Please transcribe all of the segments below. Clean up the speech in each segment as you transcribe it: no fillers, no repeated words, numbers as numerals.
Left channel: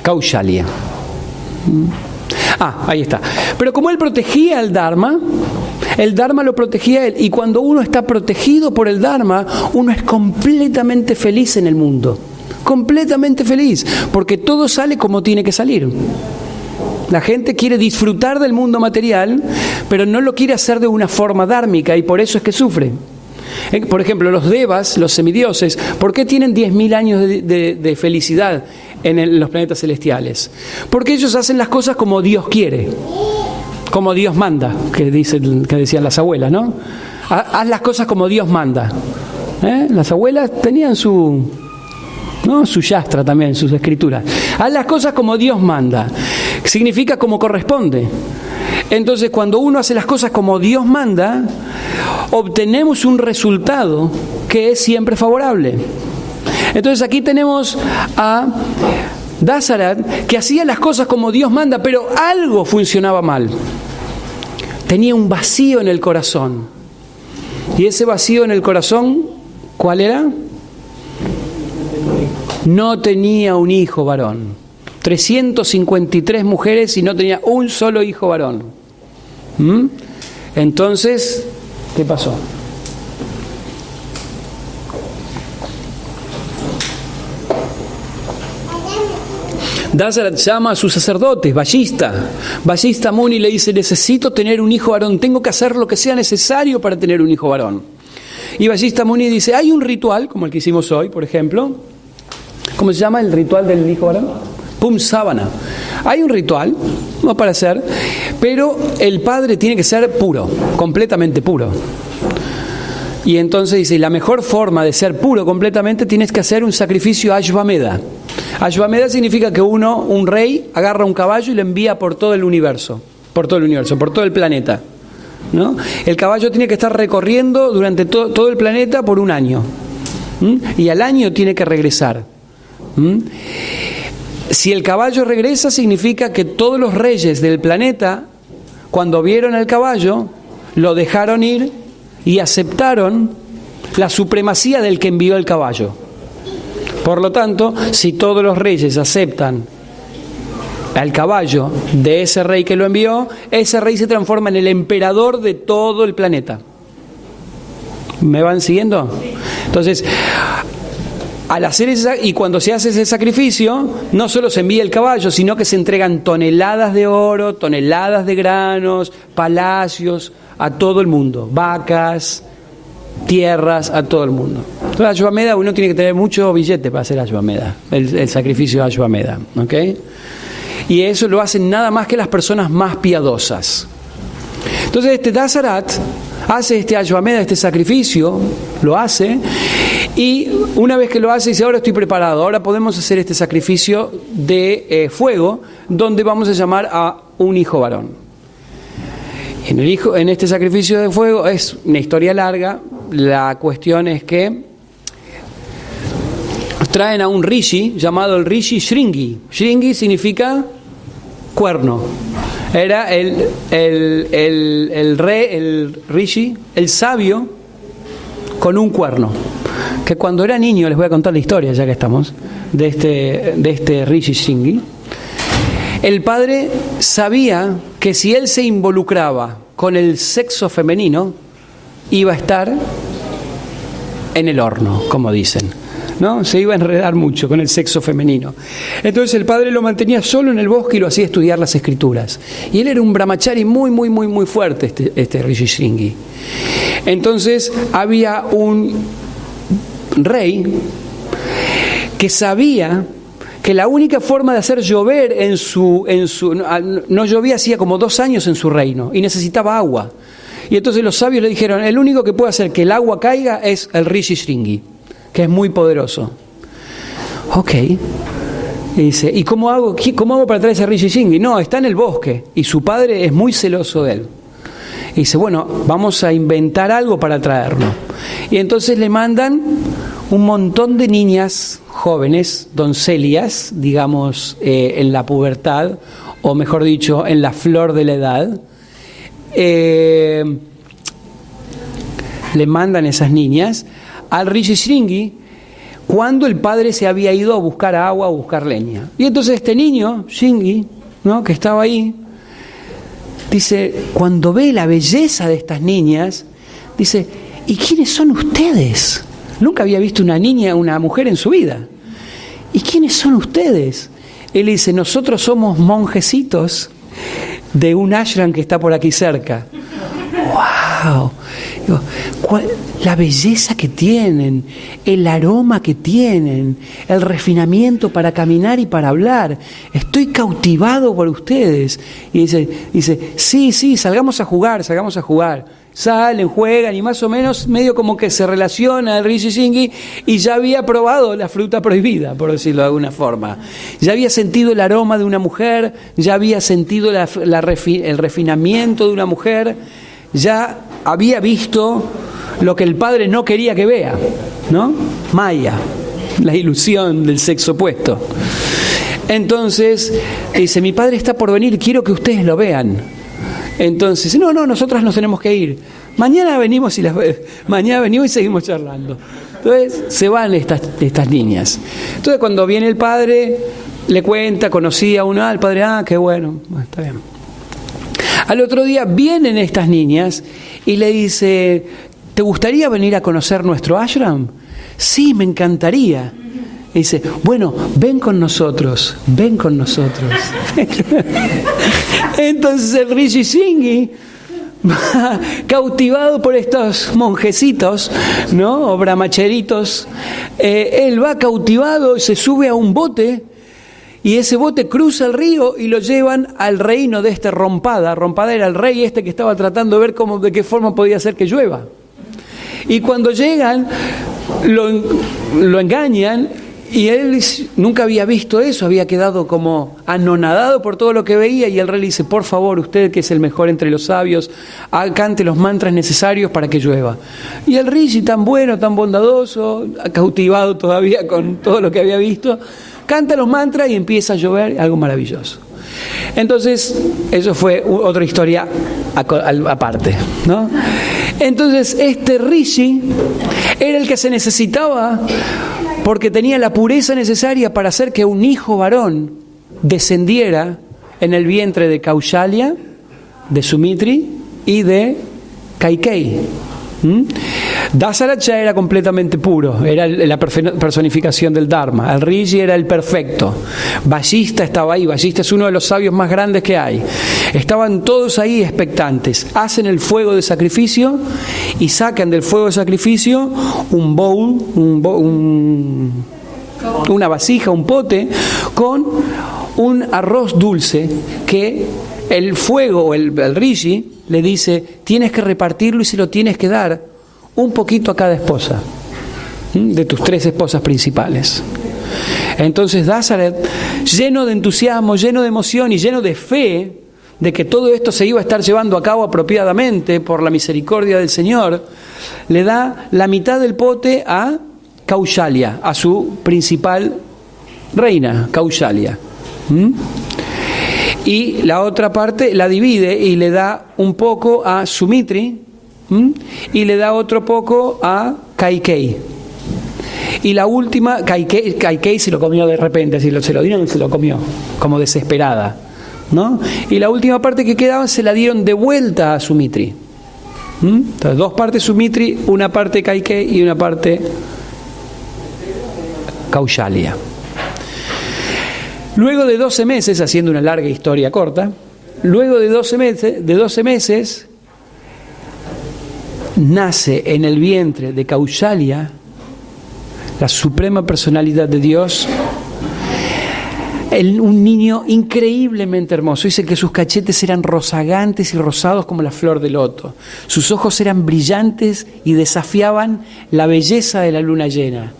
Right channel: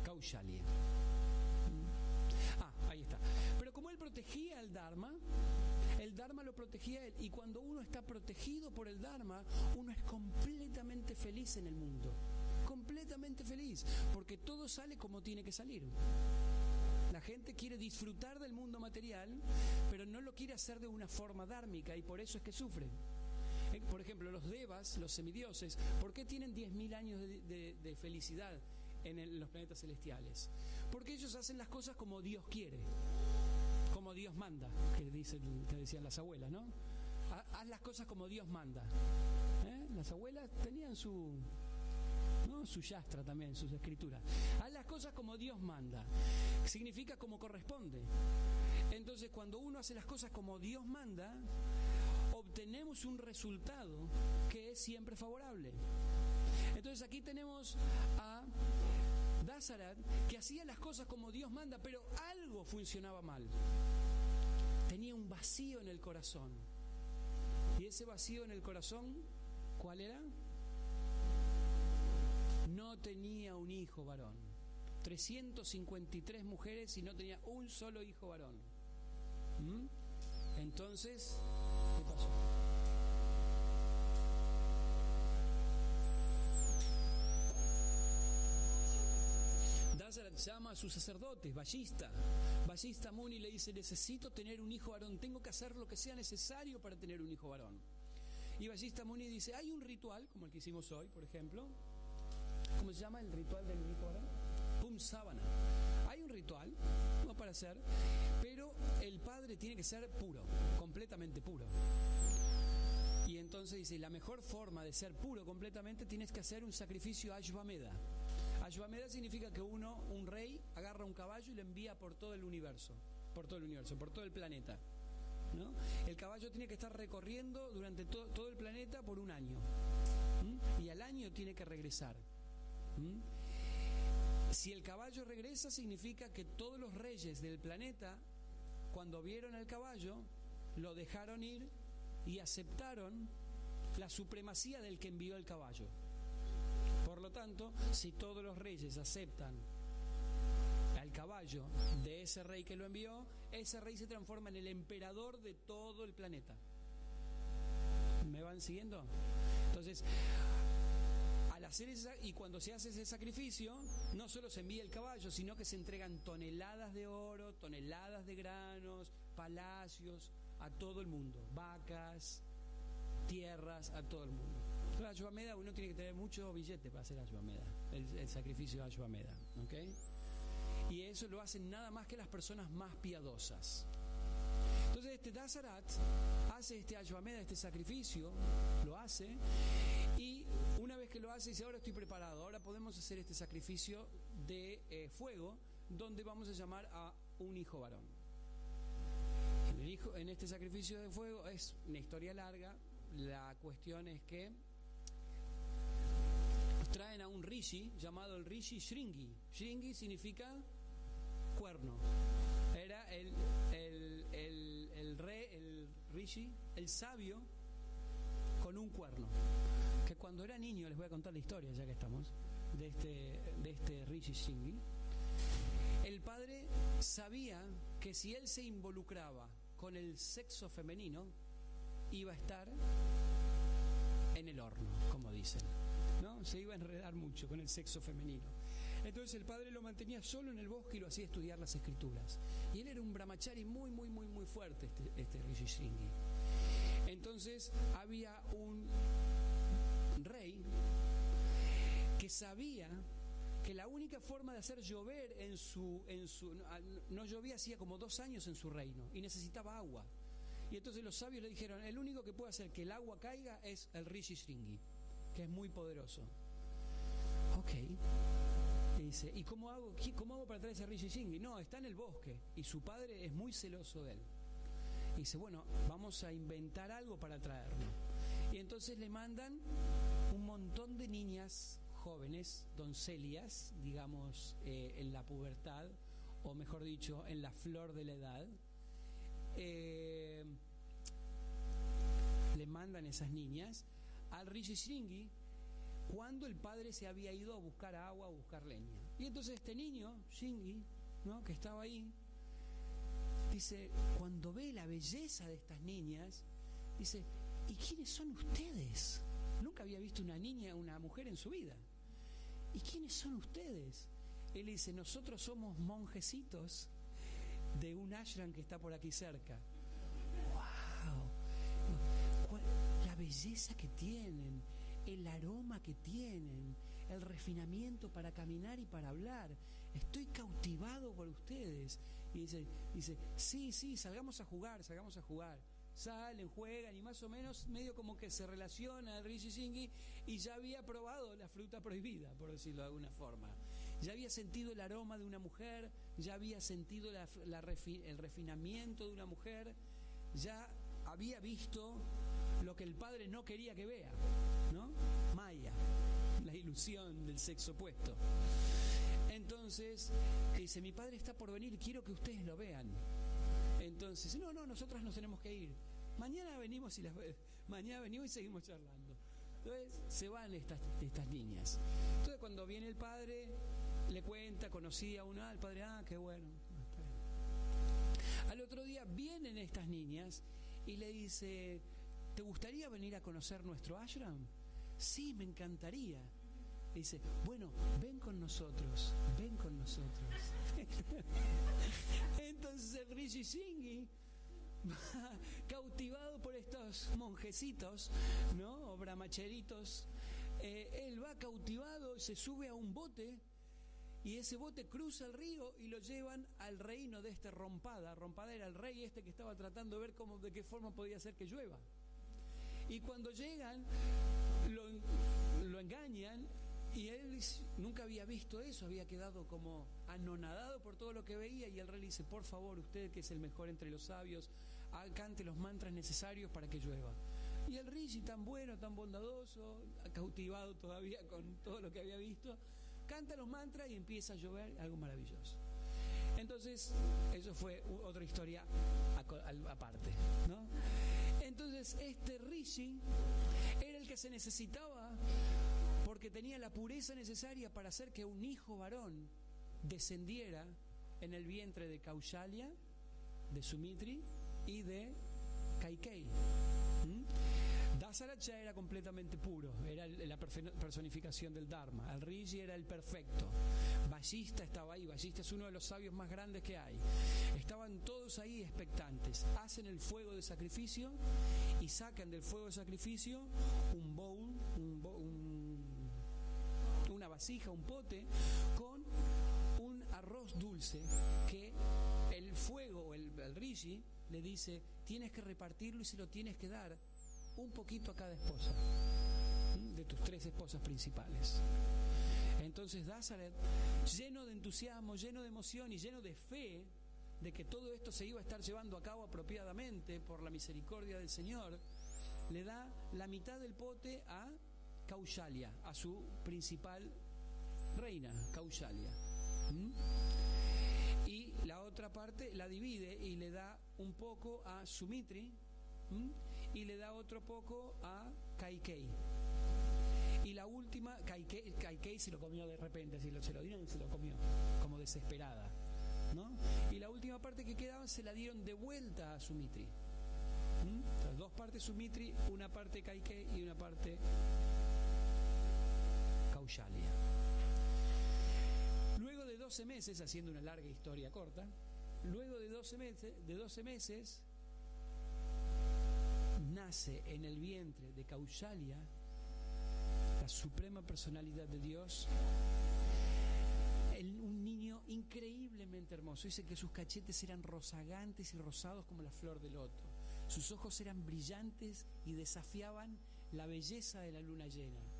Kaushalya. Ahí está. Pero como él protegía el Dharma lo protegía a él. Y cuando uno está protegido por el Dharma, uno es completamente feliz en el mundo. Completamente feliz. Porque todo sale como tiene que salir. La gente quiere disfrutar del mundo material, pero no lo quiere hacer de una forma dármica y por eso es que sufre. Por ejemplo, los devas, los semidioses, ¿por qué tienen 10.000 años de felicidad en los planetas celestiales? Porque ellos hacen las cosas como Dios quiere, como Dios manda, que decían las abuelas, ¿no? Haz las cosas como Dios manda. Las abuelas tenían su yastra también, sus escrituras. Haz las cosas como Dios manda. Significa como corresponde. Entonces, cuando uno hace las cosas como Dios manda, obtenemos un resultado que es siempre favorable. Entonces, aquí tenemos a Dasarat, que hacía las cosas como Dios manda, pero algo funcionaba mal. Tenía un vacío en el corazón. Y ese vacío en el corazón, ¿cuál era? No tenía un hijo varón. 353 mujeres y no tenía un solo hijo varón. Entonces, ¿qué pasó? Dasarat llama a sus sacerdotes, Vajista Muni le dice: necesito tener un hijo varón, tengo que hacer lo que sea necesario para tener un hijo varón. Y Vajista Muni dice: hay un ritual, como el que hicimos hoy, por ejemplo. ¿Cómo se llama el ritual del hijo varón? Pumsavana. Hay un ritual, no para hacer, pero el padre tiene que ser puro, completamente puro. Y entonces dice, la mejor forma de ser puro completamente, tienes que hacer un sacrificio Ashvamedha. Ashvamedha significa que un rey, agarra un caballo y lo envía por todo el universo, por todo el planeta, ¿no? El caballo tiene que estar recorriendo durante todo el planeta por un año. Y al año tiene que regresar. Si el caballo regresa, significa que todos los reyes del planeta, cuando vieron al caballo, lo dejaron ir y aceptaron la supremacía del que envió el caballo. Por lo tanto, si todos los reyes aceptan al caballo de ese rey que lo envió, ese rey se transforma en el emperador de todo el planeta. ¿Me van siguiendo? Entonces, al hacer y cuando se hace ese sacrificio, no solo se envía el caballo, sino que se entregan toneladas de oro, toneladas de granos, palacios a todo el mundo, vacas, tierras, a todo el mundo. Entonces, Ashvamedha, uno tiene que tener mucho billete para hacer Ashvamedha, el sacrificio de Ashvamedha, ¿ok? Y eso lo hacen nada más que las personas más piadosas. Entonces, este Dasarat hace este Ashvamedha, este sacrificio, lo hace, y una vez que lo hace, dice: ahora estoy preparado, ahora podemos hacer este sacrificio de fuego, donde vamos a llamar a un hijo varón. En este sacrificio de fuego es una historia larga. La cuestión es que traen a un rishi llamado el rishi Shringi. Shringi significa cuerno. Era el rey, el rishi, el sabio con un cuerno. Que cuando era niño, les voy a contar la historia ya que estamos, de este rishi Shringi. El padre sabía que si él se involucraba con el sexo femenino, iba a estar en el horno, como dicen, ¿no? Se iba a enredar mucho con el sexo femenino. Entonces el padre lo mantenía solo en el bosque y lo hacía estudiar las escrituras. Y él era un brahmachari muy fuerte, este rishi Shringi. Entonces había un rey que sabía que la única forma de hacer llover no llovía hacía como 2 años en su reino y necesitaba agua. Y entonces los sabios le dijeron: el único que puede hacer que el agua caiga es el rishi Shringi, que es muy poderoso. Ok. Y dice: ¿y cómo hago para traer ese rishi Shringi? No, está en el bosque y su padre es muy celoso de él. Y dice: bueno, vamos a inventar algo para traerlo. Y entonces le mandan un montón de niñas jóvenes, doncelias, digamos, en la pubertad, o mejor dicho, en la flor de la edad. Le mandan esas niñas al rishi Shringi cuando el padre se había ido a buscar agua, a buscar leña. Y entonces este niño, Shingi, ¿no?, que estaba ahí, dice, cuando ve la belleza de estas niñas, dice, ¿y quiénes son ustedes? Nunca había visto una niña, una mujer en su vida. ¿Y quiénes son ustedes? Él dice, nosotros somos monjecitos de un ashram que está por aquí cerca. ¡Wow! Digo, la belleza que tienen, el aroma que tienen, el refinamiento para caminar y para hablar. Estoy cautivado por ustedes. Y dice, sí, salgamos a jugar. Salen, juegan y más o menos medio como que se relaciona el Rishi Shingi y ya había probado la fruta prohibida, por decirlo de alguna forma. Ya había sentido el aroma de una mujer, ya había sentido el refinamiento de una mujer, ya había visto lo que el padre no quería que vea, ¿no? Maya, la ilusión del sexo opuesto. Entonces dice, mi padre está por venir, quiero que ustedes lo vean. Entonces, no, nosotras nos tenemos que ir. Mañana venimos y seguimos charlando. Entonces se van estas niñas. Entonces cuando viene el padre, le cuenta, conocía a una, el padre, qué bueno, está bien. Al otro día vienen estas niñas y le dice, ¿te gustaría venir a conocer nuestro ashram? Sí, me encantaría. Y dice, bueno, ven con nosotros. Entonces el Rishi Shingi, cautivado por estos monjecitos, ¿no?, o brahmacheritos, él va cautivado, se sube a un bote, y ese bote cruza el río y lo llevan al reino de este Rompada. Rompada era el rey que estaba tratando de ver de qué forma podía hacer que llueva. Y cuando llegan, lo engañan. Y él nunca había visto eso, había quedado como anonadado por todo lo que veía, y el rey le dice, por favor, usted que es el mejor entre los sabios, cante los mantras necesarios para que llueva. Y el Rishi, tan bueno, tan bondadoso, cautivado todavía con todo lo que había visto, canta los mantras y empieza a llover, algo maravilloso. Entonces, eso fue otra historia aparte, ¿no? Entonces, este Rishi era el que se necesitaba porque tenía la pureza necesaria para hacer que un hijo varón descendiera en el vientre de Kaushalya, de Sumitri y de Kaikeyi. Dasarath era completamente puro, era la personificación del Dharma. El Rishi era el perfecto. Vashista estaba ahí. Vashista es uno de los sabios más grandes que hay. Estaban todos ahí expectantes. Hacen el fuego de sacrificio y sacan del fuego de sacrificio un bowl, una vasija, un pote con un arroz dulce que el fuego, el Rishi, le dice, tienes que repartirlo y se lo tienes que dar un poquito a cada esposa, de tus 3 esposas principales. Entonces Dasarath, lleno de entusiasmo, lleno de emoción y lleno de fe de que todo esto se iba a estar llevando a cabo apropiadamente por la misericordia del Señor, le da la mitad del pote a Kaushalya, a su principal reina, Kaushalya. Y la otra parte la divide y le da un poco a Sumitri y le da otro poco a Kaikeyi. Y la última, Kaikeyi se lo comió de repente, se lo dieron y se lo comió, como desesperada, ¿no? Y la última parte que quedaba se la dieron de vuelta a Sumitri. Entonces, 2 partes Sumitri, una parte Kaikeyi y una parte Kaushalya. Luego de 12 meses, haciendo una larga historia corta, luego de 12 meses, nace en el vientre de Kaushalya la suprema personalidad de Dios, un niño increíblemente hermoso. Dice que sus cachetes eran rozagantes y rosados como la flor de loto. Sus ojos eran brillantes y desafiaban la belleza de la luna llena.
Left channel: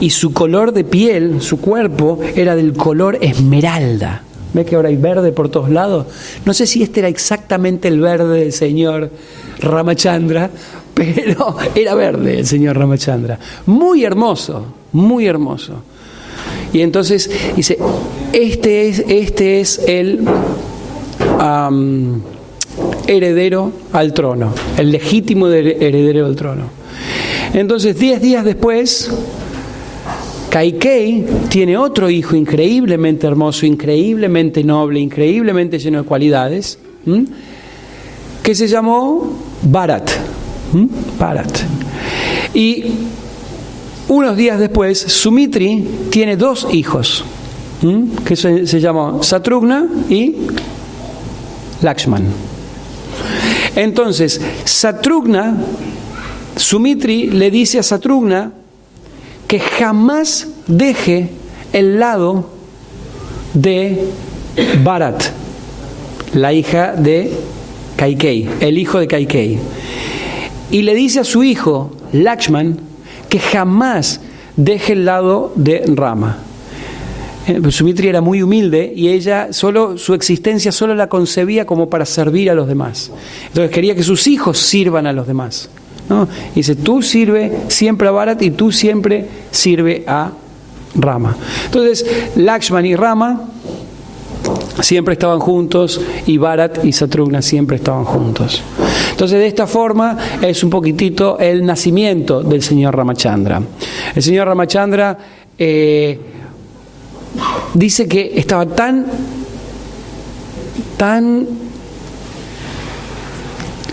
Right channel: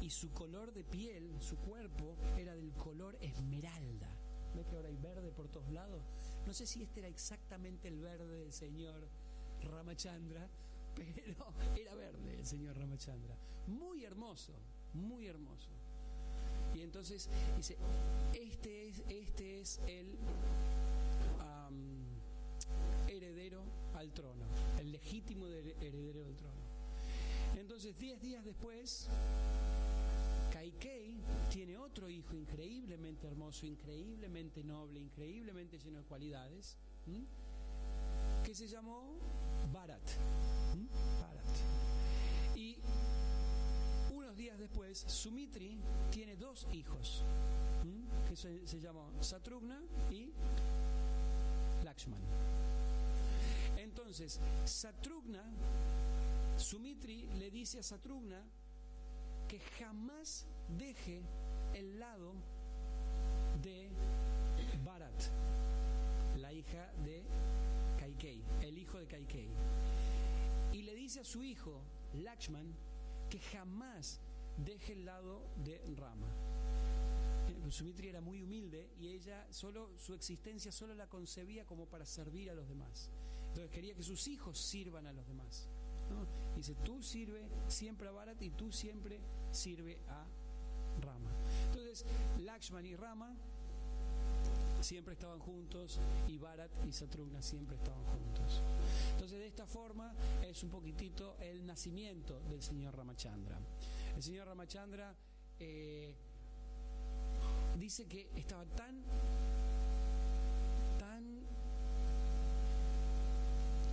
Y su color de piel, su cuerpo, era del color esmeralda. ¿Ves que ahora hay verde por todos lados? No sé si este era exactamente el verde del señor Ramachandra, pero era verde el señor Ramachandra. Muy hermoso, muy hermoso. Y entonces dice, este es el heredero al trono, el legítimo heredero al trono. Entonces 10 días después Kaikei tiene otro hijo increíblemente hermoso, increíblemente noble, increíblemente lleno de cualidades, que se llamó Bharat. Bharat. Y unos días después, Sumitri tiene dos hijos, que se llamó Satrugna y Lakshman. Entonces, Sumitri le dice a Satrugna que jamás deje el lado de Bharat, la hija de Kaikei, el hijo de Kaikei. Y le dice a su hijo, Lakshman, que jamás deje el lado de Rama. Sumitri era muy humilde y ella su existencia solo la concebía como para servir a los demás. Entonces quería que sus hijos sirvan a los demás, ¿no? Y dice, tú sirve siempre a Bharat y tú siempre sirve a Rama. Entonces Lakshman y Rama siempre estaban juntos y Bharat y Satrugna siempre estaban juntos. Entonces de esta forma es un poquitito el nacimiento del señor Ramachandra. El señor Ramachandra dice que estaba tan,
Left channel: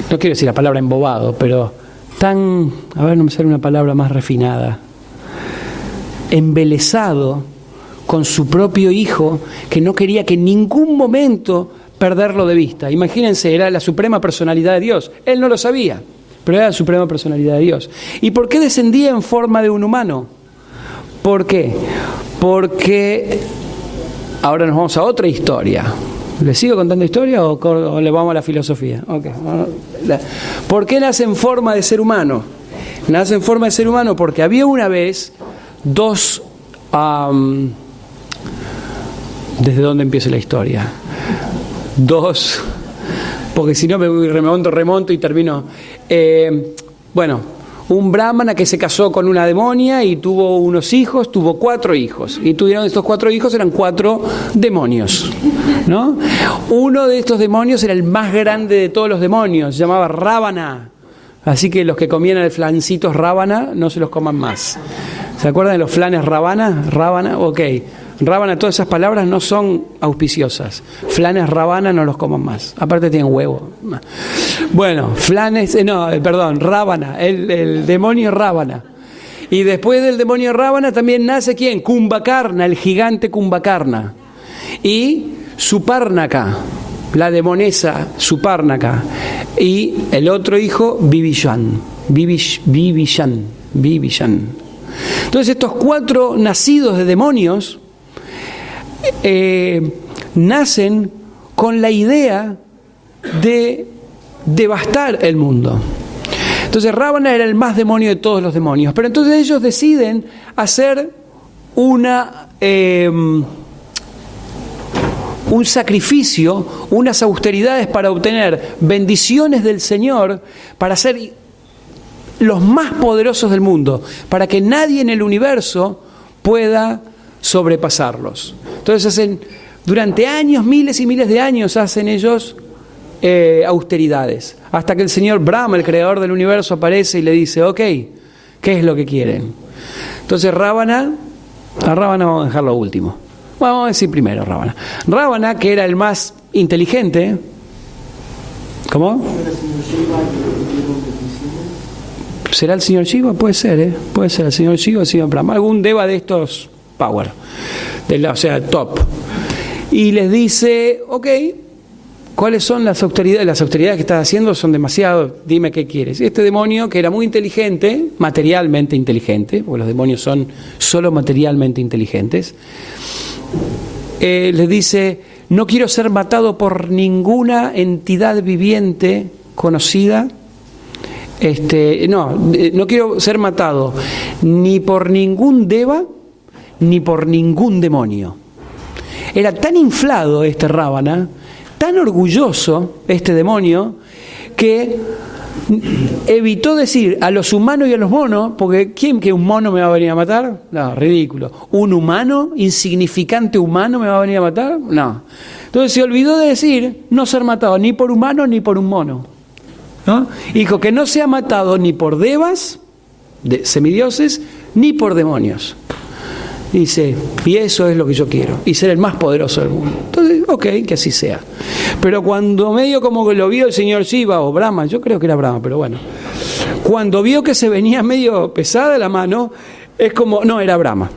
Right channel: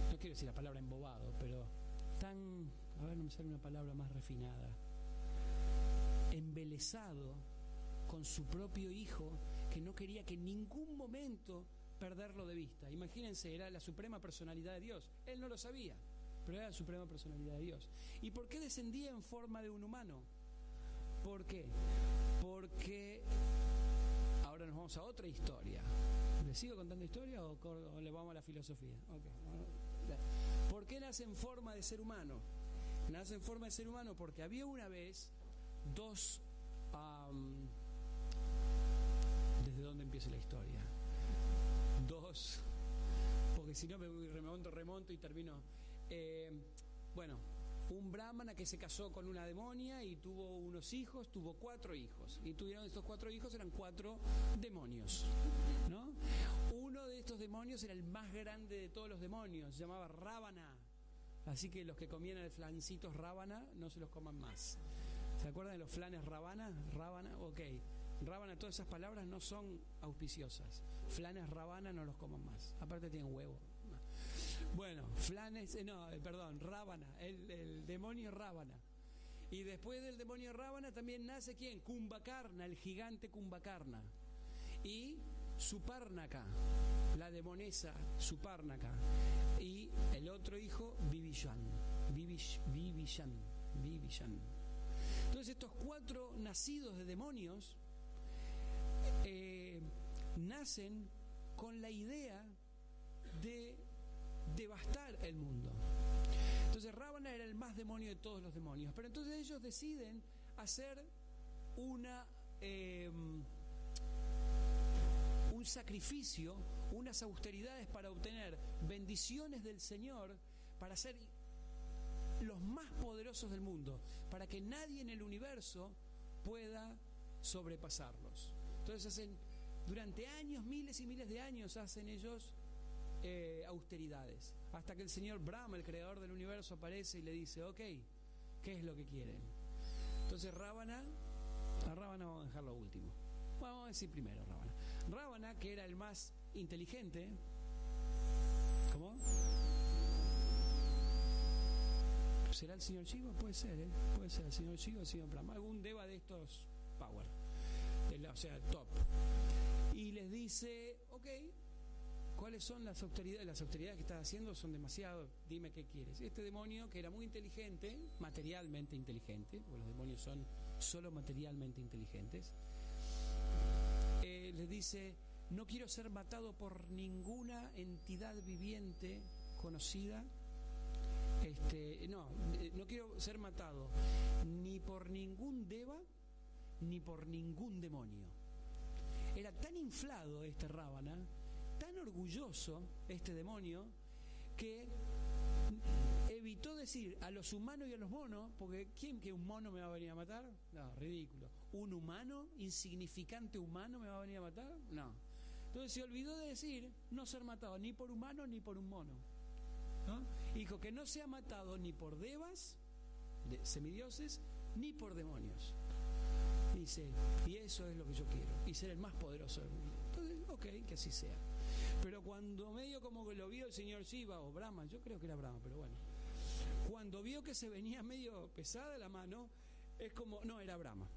no quiero decir la palabra embobado, pero tan, a ver, no me sale una palabra más refinada, embelesado con su propio hijo, que no quería que en ningún momento perderlo de vista. Imagínense, era la suprema personalidad de Dios. Él no lo sabía, pero era la suprema personalidad de Dios. ¿Y por qué descendía en forma de un humano? ¿Por qué? Porque ahora nos vamos a otra historia. ¿Le sigo contando historia o le vamos a la filosofía? Okay. ¿Por qué nace en forma de ser humano? Nace en forma de ser humano porque había una vez dos... ¿desde dónde empieza la historia? Porque si no me remonto y termino. Un brahmana que se casó con una demonia y tuvo unos hijos, tuvo 4 hijos. Y tuvieron estos 4 hijos, eran 4 demonios, ¿no? Uno de estos demonios era el más grande de todos los demonios, se llamaba Ravana. Así que los que comían el flancitos Ravana, no se los coman más. ¿Se acuerdan de los flanes Ravana? Ravana, ok. Ravana, todas esas palabras no son auspiciosas. Flanes Ravana no los coman más. Aparte tienen huevo. Bueno, Ravana, el demonio Ravana. Y después del demonio Ravana también nace ¿quién? Kumbhakarna, el gigante Kumbhakarna. Y Supárnaka, la demonesa Supárnaka. Y el otro hijo, Vibhishan. Entonces estos 4 nacidos de demonios nacen con la idea de devastar el mundo. Entonces Ravana era el más demonio de todos los demonios, pero entonces ellos deciden hacer un sacrificio, unas austeridades para obtener bendiciones del Señor, para ser los más poderosos del mundo, para que nadie en el universo pueda sobrepasarlos. Entonces durante años, miles y miles de años hacen ellos austeridades, hasta que el señor Brahma, el creador del universo, aparece y le dice, ok, ¿qué es lo que quieren? Entonces a Ravana vamos a dejarlo último. Bueno, vamos a decir primero Ravana. Ravana, que era el más inteligente, ¿cómo? ¿Será el señor Shiva? Puede ser, puede ser el señor Shiva o el señor Brahma, algún deva de estos power, top. Y les dice, ok, ¿cuáles son las austeridades? Las austeridades que estás haciendo son demasiado, dime qué quieres. Y este demonio, que era muy inteligente, materialmente inteligente, porque los demonios son solo materialmente inteligentes, les dice, no quiero ser matado por ninguna entidad viviente conocida. No quiero ser matado ni por ningún deva ni por ningún demonio. Era tan inflado este Ravana, tan orgulloso este demonio, que evitó decir a los humanos y a los monos, porque ¿quién que un mono me va a venir a matar? No, ridículo. ¿Un humano, insignificante humano me va a venir a matar? No. Entonces se olvidó de decir no ser matado ni por humano ni por un mono, ¿no? Dijo que no sea matado ni por devas, de semidioses, ni por demonios. Dice, y eso es lo que yo quiero, y ser el más poderoso del mundo. Entonces, ok, que así sea. Pero cuando medio como que lo vio el señor Shiva o Brahma, yo creo que era Brahma, pero bueno, cuando vio que se venía medio pesada la mano, es como, no, era Brahma.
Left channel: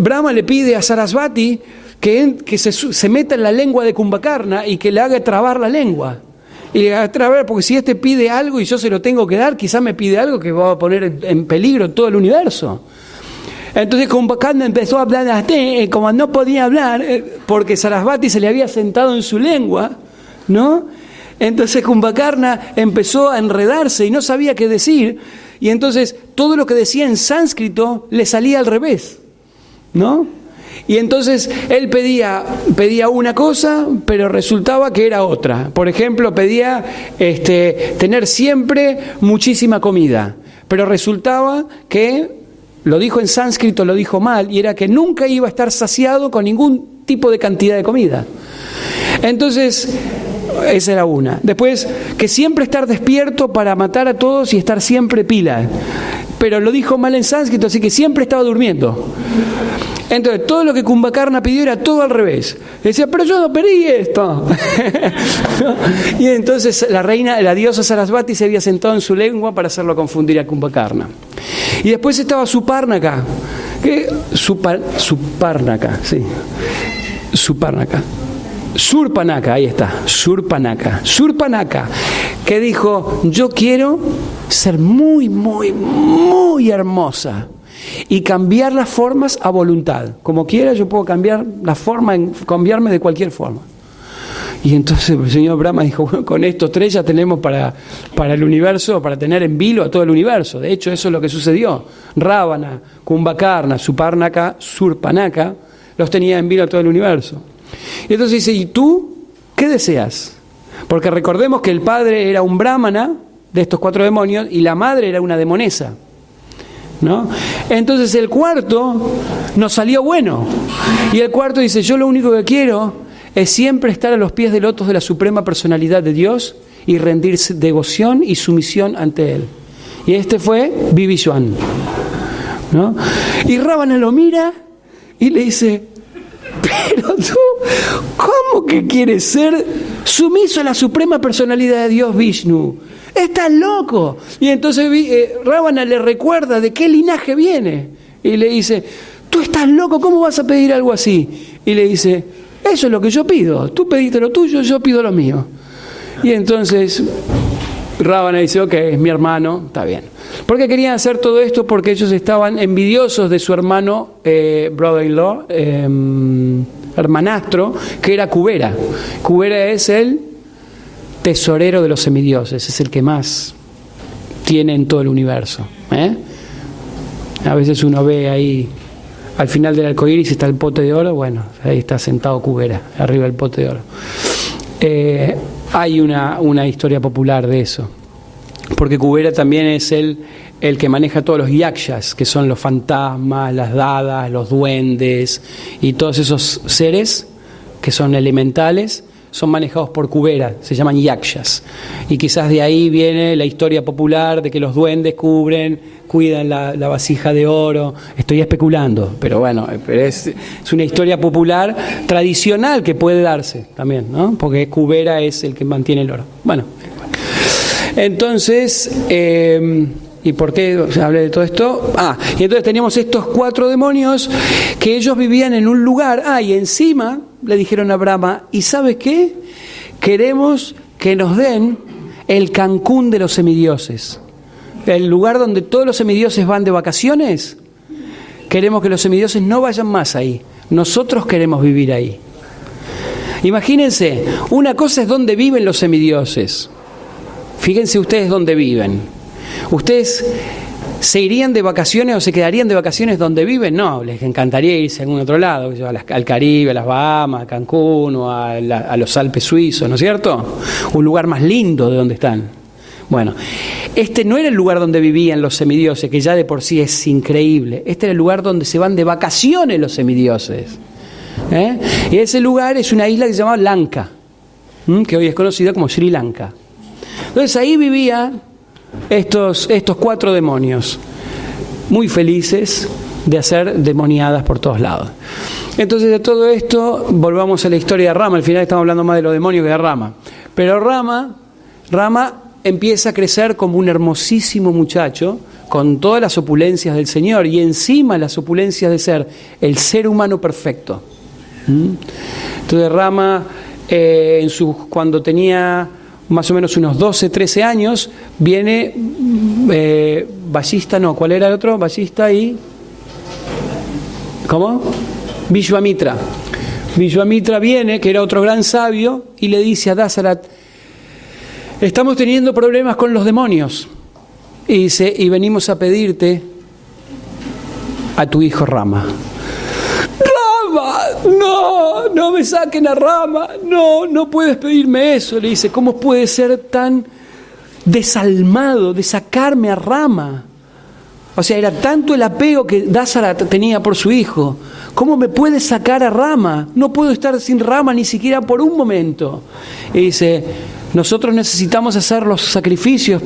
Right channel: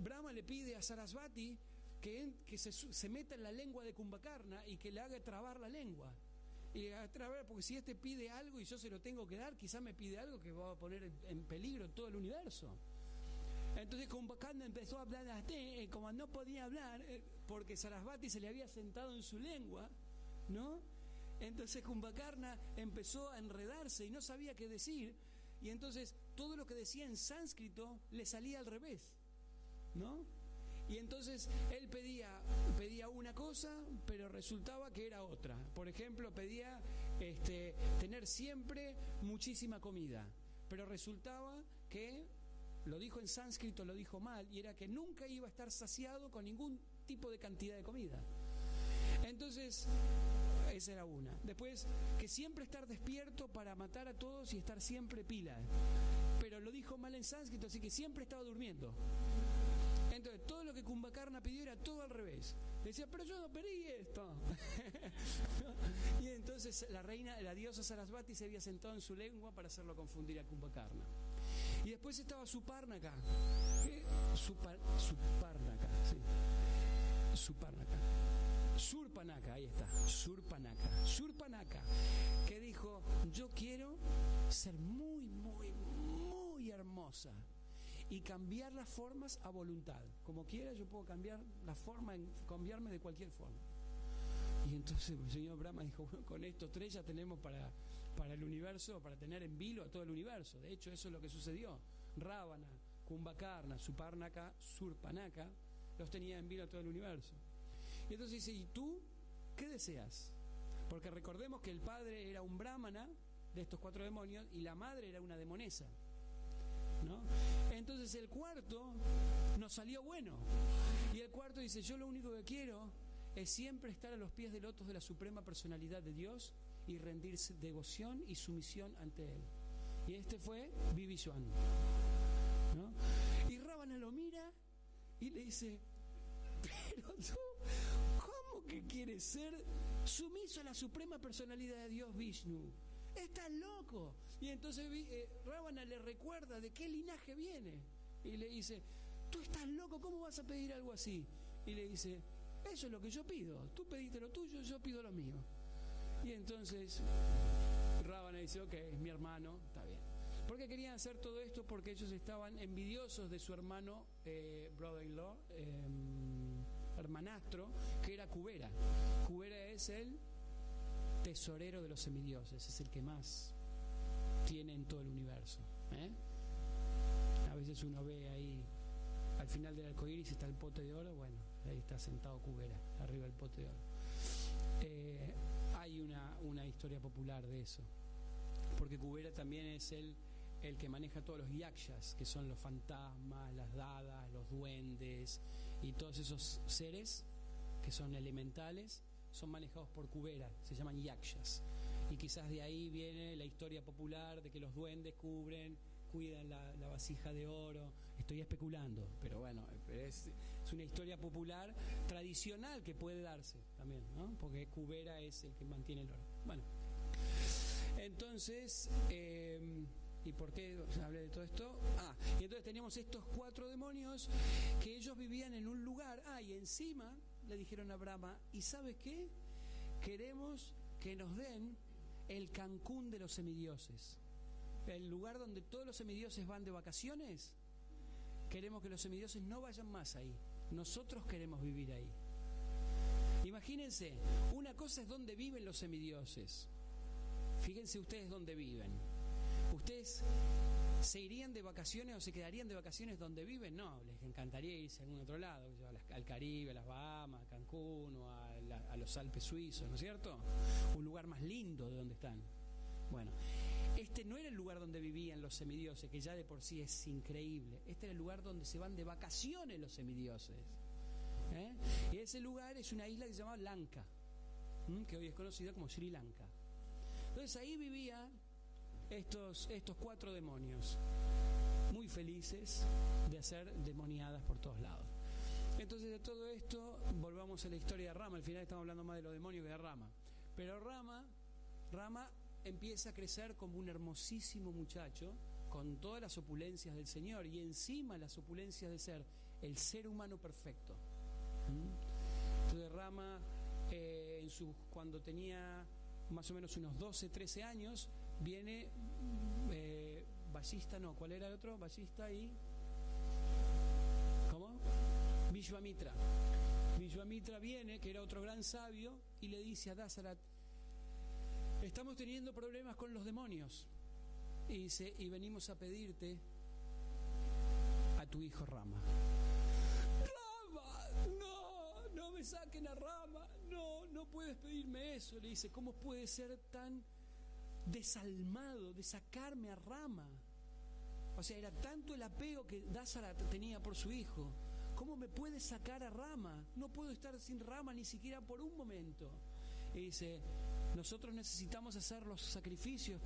Brahma le pide a Sarasvati que se meta en la lengua de Kumbhakarna y que le haga trabar la lengua. Y le haga trabar, porque si este pide algo y yo se lo tengo que dar, quizás me pide algo que va a poner en peligro todo el universo. Entonces Kumbhakarna empezó a hablar así, como no podía hablar, porque Sarasvati se le había sentado en su lengua, ¿no? Entonces Kumbhakarna empezó a enredarse y no sabía qué decir, y entonces todo lo que decía en sánscrito le salía al revés, ¿no? Y entonces él pedía una cosa, pero resultaba que era otra. Por ejemplo, pedía tener siempre muchísima comida, pero resultaba que lo dijo en sánscrito, lo dijo mal, y era que nunca iba a estar saciado con ningún tipo de cantidad de comida. Entonces, esa era una. Después, que siempre estar despierto para matar a todos y estar siempre pila. Pero lo dijo mal en sánscrito, así que siempre estaba durmiendo. Entonces, todo lo que Kumbhakarna pidió era todo al revés. Decía, pero yo no pedí esto. Y entonces la diosa Sarasvati se había sentado en su lengua para hacerlo confundir a Kumbhakarna. Y después estaba Supárnaka. Surpanaka, ahí está, Surpanaka, que dijo, yo quiero ser muy, muy, muy hermosa y cambiar las formas a voluntad. Como quiera yo puedo cambiar la forma, cambiarme de cualquier forma. Y entonces el señor Brahma dijo, bueno, con estos tres ya tenemos para el universo, para tener en vilo a todo el universo. De hecho, eso es lo que sucedió. Ravana, Kumbhakarna, Supárnaka, Surpanaka, los tenía en vilo a todo el universo. Y entonces dice, ¿y tú qué deseas? Porque recordemos que el padre era un brahmana de estos 4 demonios y la madre era una demonesa, ¿no? Entonces el cuarto nos salió bueno. Y el cuarto dice, yo lo único que quiero es siempre estar a los pies del lotos de la suprema personalidad de Dios y rendir devoción y sumisión ante Él. Y este fue Vivishwan, ¿no? Y Ravana lo mira y le dice, pero tú, ¿cómo que quieres ser sumiso a la suprema personalidad de Dios Vishnu? ¡Estás loco! Y entonces Ravana le recuerda de qué linaje viene. Y le dice, tú estás loco, ¿cómo vas a pedir algo así? Y le dice, eso es lo que yo pido. Tú pediste lo tuyo, yo pido lo mío. Y entonces Ravana dice, ok, es mi hermano, está bien. ¿Por qué querían hacer todo esto? Porque ellos estaban envidiosos de su hermano, brother-in-law, hermanastro, que era Kubera. Kubera es el tesorero de los semidioses, es el que más tiene en todo el universo. A veces uno ve ahí, al final del arcoíris está el pote de oro, bueno, ahí está sentado Kubera, arriba del pote de oro. Hay una historia popular de eso, porque Kubera también es el que maneja todos los yakshas, que son los fantasmas, las dadas, los duendes, y todos esos seres que son elementales, son manejados por Kubera, se llaman yakshas. Y quizás de ahí viene la historia popular de que los duendes cuidan la vasija de oro. Estoy especulando, pero bueno, es una historia popular tradicional que puede darse también, ¿no? Porque Kubera es el que mantiene el oro. Bueno, entonces, ¿y por qué hablé de todo esto? Y entonces teníamos estos 4 demonios que ellos vivían en un lugar. Y encima le dijeron a Brahma, ¿y sabes qué? Queremos que nos den el Cancún de los semidioses. El lugar donde todos los semidioses van de vacaciones. Queremos que los semidioses no vayan más ahí. Nosotros queremos vivir ahí. Imagínense, una cosa es donde viven los semidioses. Fíjense ustedes dónde viven. ¿Ustedes se irían de vacaciones o se quedarían de vacaciones donde viven? No, les encantaría irse a algún otro lado, al Caribe, a las Bahamas, a Cancún o a los Alpes suizos, ¿no es cierto? Un lugar más lindo de donde están. Bueno, este no era el lugar donde vivían los semidioses, que ya de por sí es increíble. Este era el lugar donde se van de vacaciones los semidioses. Y ese lugar es una isla que se llama Lanka, que hoy es conocida como Sri Lanka. Entonces ahí vivían estos 4 demonios, muy felices, de hacer demoniadas por todos lados. Entonces, de todo esto, volvamos a la historia de Rama. Al final estamos hablando más de los demonios que de Rama. Pero Rama empieza a crecer como un hermosísimo muchacho, con todas las opulencias del Señor, y encima las opulencias de ser el ser humano perfecto. Entonces Rama, cuando tenía más o menos unos 12, 13 años, viene Vallista, no, ¿cuál era el otro? Vallista y... ¿Cómo? Vishvamitra. Vishvamitra viene, que era otro gran sabio, y le dice a Dasarat: estamos teniendo problemas con los demonios. Y dice: y venimos a pedirte a tu hijo Rama. ¡Rama! No me saquen a Rama, no puedes pedirme eso. Le dice: ¿cómo puede ser tan desalmado de sacarme a Rama? O sea, era tanto el apego que Dasarat tenía por su hijo. ¿Cómo me puedes sacar a Rama? No puedo estar sin Rama ni siquiera por un momento. Y dice: nosotros necesitamos hacer los sacrificios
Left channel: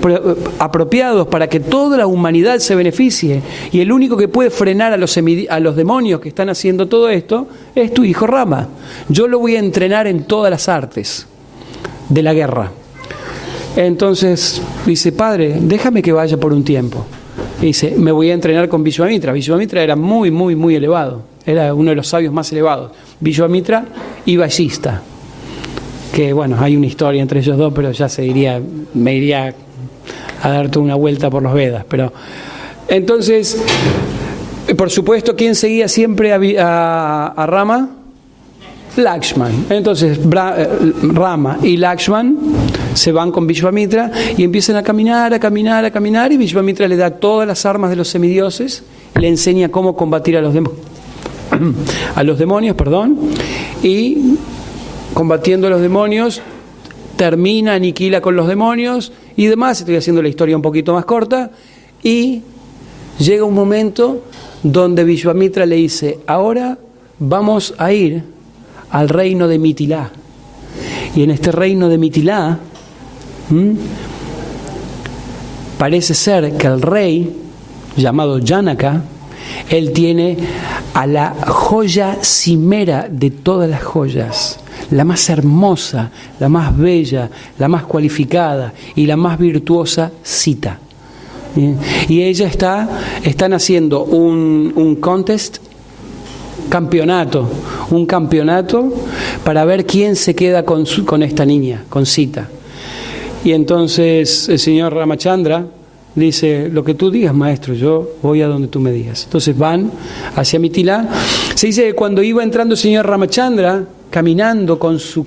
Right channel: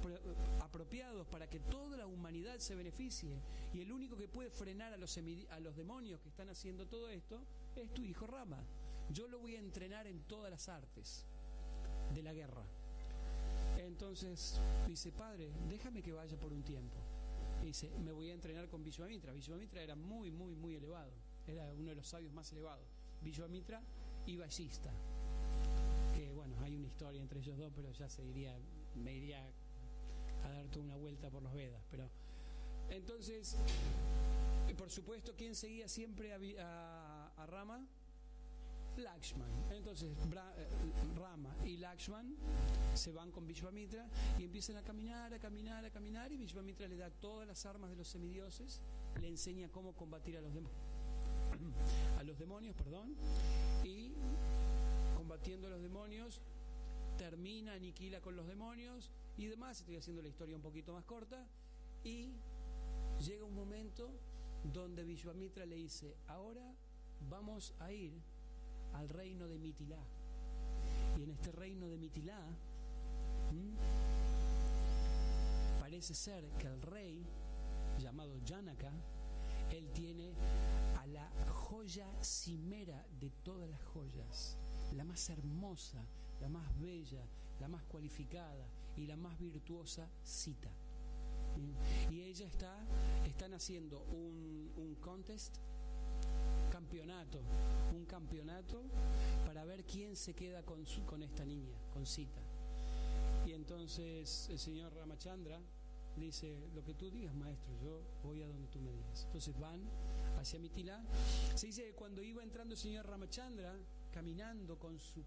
apropiados para que toda la humanidad se beneficie. Y el único que puede frenar a los demonios que están haciendo todo esto es tu hijo Rama. Yo lo voy a entrenar en todas las artes de la guerra. Entonces dice: padre, déjame que vaya por un tiempo. Y dice: me voy a entrenar con Vishvamitra. Vishvamitra era muy, muy, muy elevado. Era uno de los sabios más elevados. Vishvamitra y Vallista. Que bueno, hay una historia entre ellos dos, pero ya me iría a dar toda una vuelta por los Vedas. Pero entonces, por supuesto, ¿quién seguía siempre a Rama? Lakshman. Entonces Rama y Lakshman se van con Vishvamitra y empiezan a caminar, y Vishvamitra le da todas las armas de los semidioses y le enseña cómo combatir a los demonios, y combatiendo a los demonios aniquila con los demonios y demás. Estoy haciendo la historia un poquito más corta, y llega un momento donde Vishvamitra le dice: ahora vamos a ir al reino de Mitilá. Y en este reino de Mitilá parece ser que el rey, llamado Janaka, él tiene a la joya cimera de todas las joyas, la más hermosa, la más bella, la más cualificada y la más virtuosa Sita. Y ella están haciendo un contest, un campeonato para ver quién se queda con esta niña, con Sita. Y entonces el señor Ramachandra dice: lo que tú digas, maestro, yo voy a donde tú me digas. Entonces van hacia Mitilá. Se dice que cuando iba entrando el señor Ramachandra, caminando con su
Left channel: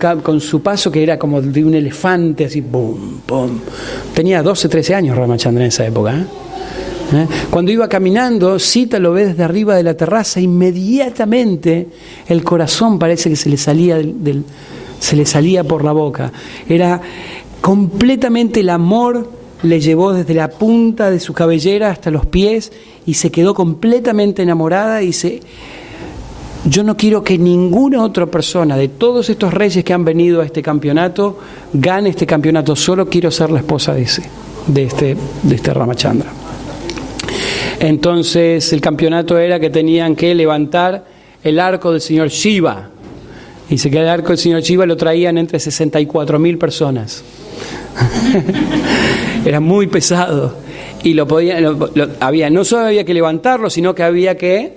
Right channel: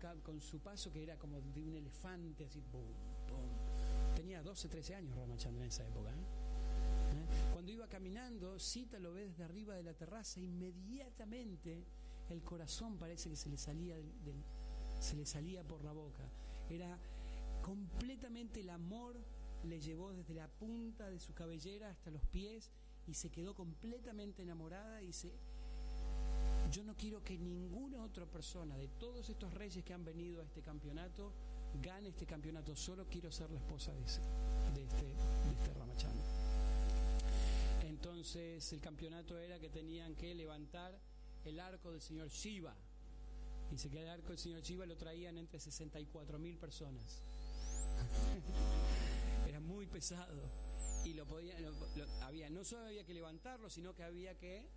paso que era como de un elefante, así, pum, pum. Tenía 12, 13 años Ramachandra en esa época, Cuando iba caminando, Sita lo ve desde arriba de la terraza. Inmediatamente el corazón parece que se le salía por la boca. Era completamente, el amor le llevó desde la punta de su cabellera hasta los pies y se quedó completamente enamorada. Y dice: yo no quiero que ninguna otra persona de todos estos reyes que han venido a este campeonato gane este campeonato, solo quiero ser la esposa de este Ramachandra. Entonces el campeonato era que tenían que levantar el arco del señor Shiva. Dice que el arco del señor Shiva lo traían entre 64.000 personas. Era muy pesado. Y no solo había que levantarlo, sino que había que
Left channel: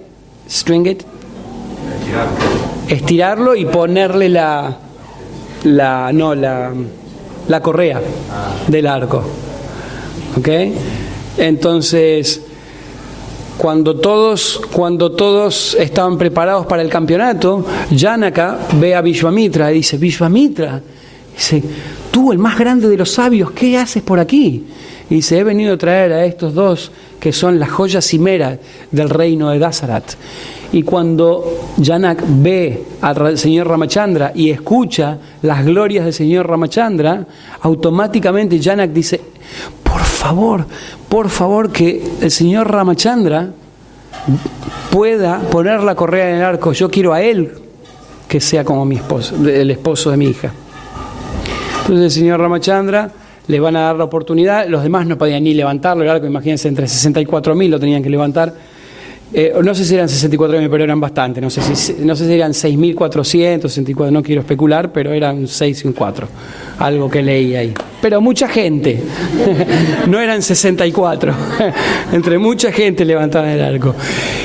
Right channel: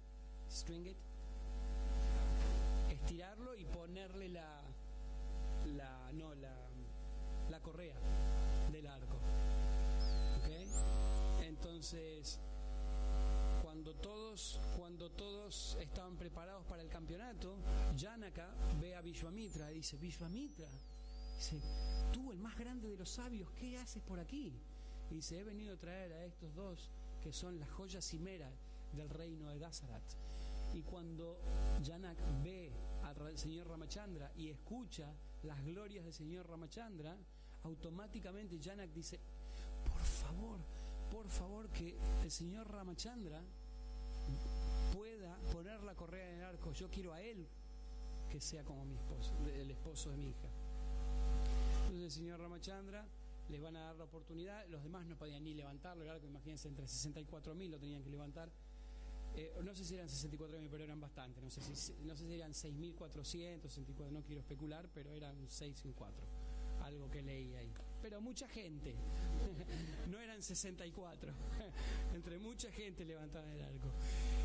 estirarlo y ponerle la correa del arco. ¿Ok? Entonces, cuando todos estaban preparados para el campeonato, Janaka ve a Vishvamitra y dice: Vishvamitra, dice, tú, el más grande de los sabios, ¿qué haces por aquí? Y dice: he venido a traer a estos dos que son la joya cimera del reino de Dasarat. Y cuando Janak ve al señor Ramachandra y escucha las glorias del señor Ramachandra, automáticamente Janak dice: por favor, que el señor Ramachandra pueda poner la correa en el arco. Yo quiero a él que sea como mi esposo, el esposo de mi hija. Entonces el señor Ramachandra le van a dar la oportunidad. Los demás no podían ni levantarlo, el arco, imagínense, entre 64.000 lo tenían que levantar. no sé si eran 64.000, pero eran bastante. No sé si eran 6.464, no quiero especular, pero eran 6 y un 4. Algo que leí ahí. Pero mucha gente. No eran 64. Entre mucha gente levantaban el arco.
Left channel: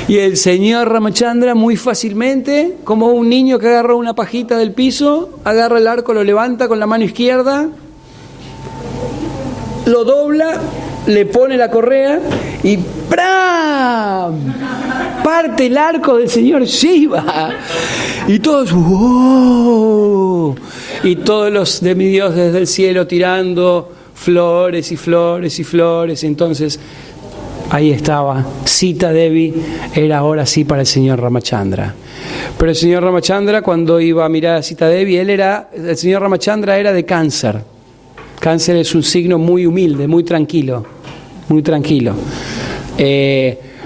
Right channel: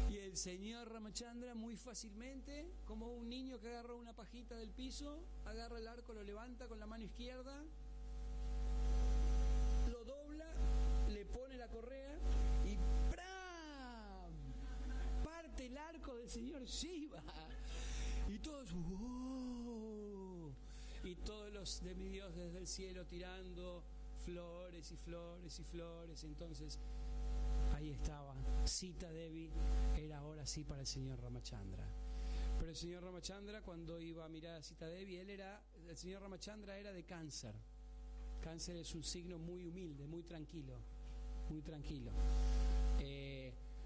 Y el señor Ramachandra muy fácilmente, como un niño que agarra una pajita del piso, agarra el arco, lo levanta con la mano izquierda, lo dobla, le pone la correa y ¡pram! Parte el arco del señor Shiva. Y todos ¡wow! Y todos los demidioses del cielo tirando flores y flores y flores. Entonces ahí estaba, Sita Devi era ahora sí para el señor Ramachandra. Pero el señor Ramachandra, cuando iba a mirar a Sita Devi, el señor Ramachandra era de Cáncer. Cáncer es un signo muy humilde, muy tranquilo, muy tranquilo.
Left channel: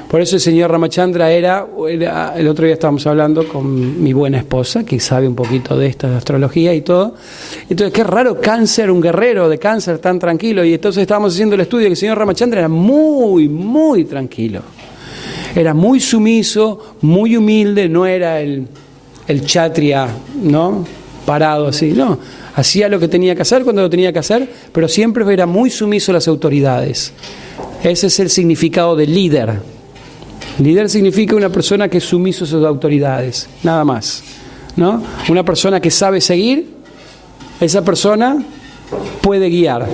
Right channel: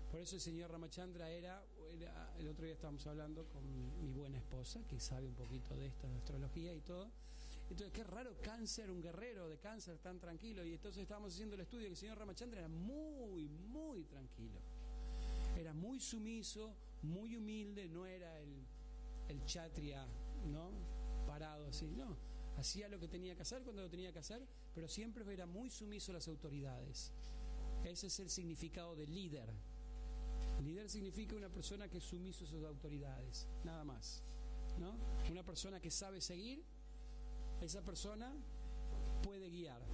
Por eso el señor Ramachandra era, el otro día estábamos hablando con mi buena esposa, que sabe un poquito de esta astrología y todo. Entonces, qué raro Cáncer, un guerrero de Cáncer tan tranquilo. Y entonces estábamos haciendo el estudio que el señor Ramachandra era muy, muy tranquilo. Era muy sumiso, muy humilde, no era el kshatriya, ¿no? Parado así, no. Hacía lo que tenía que hacer cuando lo tenía que hacer, pero siempre era muy sumiso a las autoridades. Ese es el significado de líder. Líder significa una persona que es sumiso a sus autoridades, nada más, ¿no? Una persona que sabe seguir, esa persona puede guiar.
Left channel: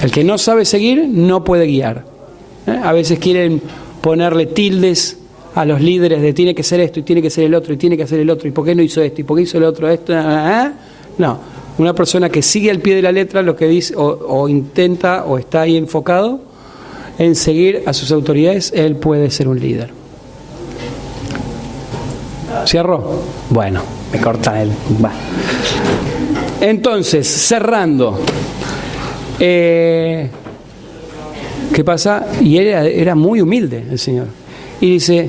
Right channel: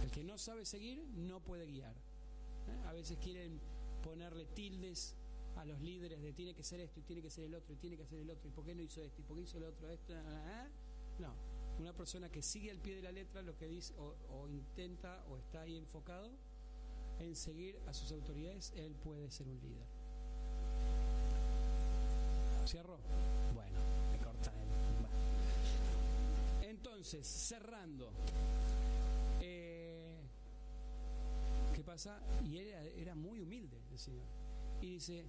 El que no sabe seguir, no puede guiar. A veces quieren ponerle tildes a los líderes de tiene que ser esto, y tiene que ser el otro, y tiene que hacer el otro, y por qué no hizo esto, y por qué hizo el otro, esto, No, una persona que sigue al pie de la letra lo que dice, o intenta, o está ahí enfocado en seguir a sus autoridades, él puede ser un líder. ¿Cierro? Bueno, me corta él. Va. Entonces, cerrando. ¿Qué pasa? Y él era muy humilde, el señor. Y dice,